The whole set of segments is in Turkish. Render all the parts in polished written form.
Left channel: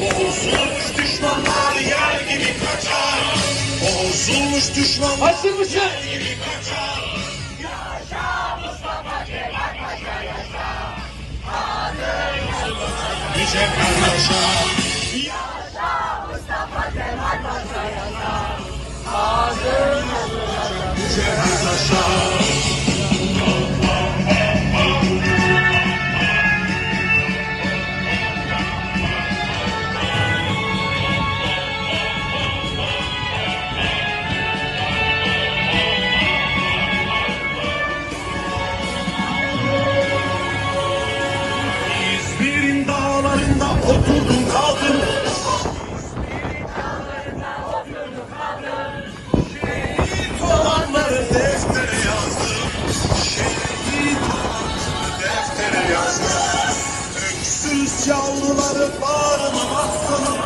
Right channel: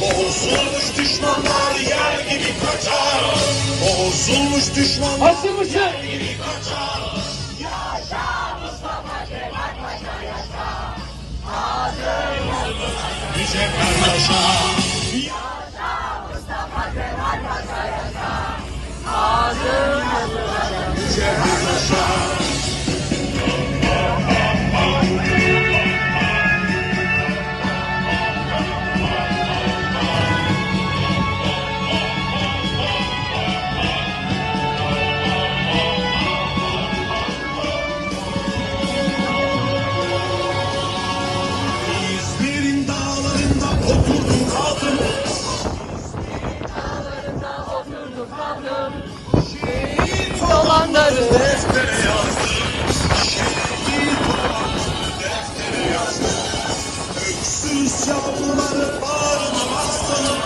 Bozulmuş düşmanlar yer gibi kaçar. Bozulmuş düşmanlar yer gibi kaçar. Yaşa Mustafa Kemal Paşa yaşa. Adın yazılacak niceler yaşa. Yaşa Mustafa Kemal Paşa yaşa. Adın yazılacak niceler yaşa. İzmir'in dağlarında oturdum kaldım. Şehit olanları deftere yazdım. Şehit olanları deftere yazdım. Öksüz yavruları ağlamamaktan.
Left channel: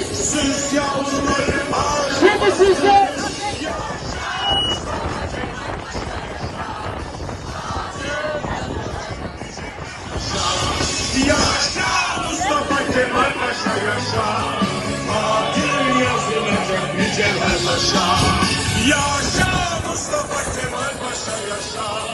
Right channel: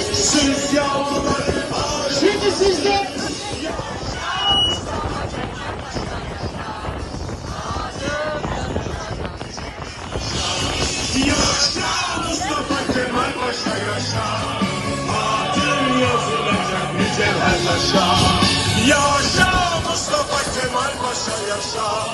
Öksüz yavruları ağlamamaktan. Şimdi sizde. Yaşa Mustafa Kemal Paşa yaşa. Adın yazılacak nice yaşa. Yaşa Mustafa Kemal Paşa yaşa.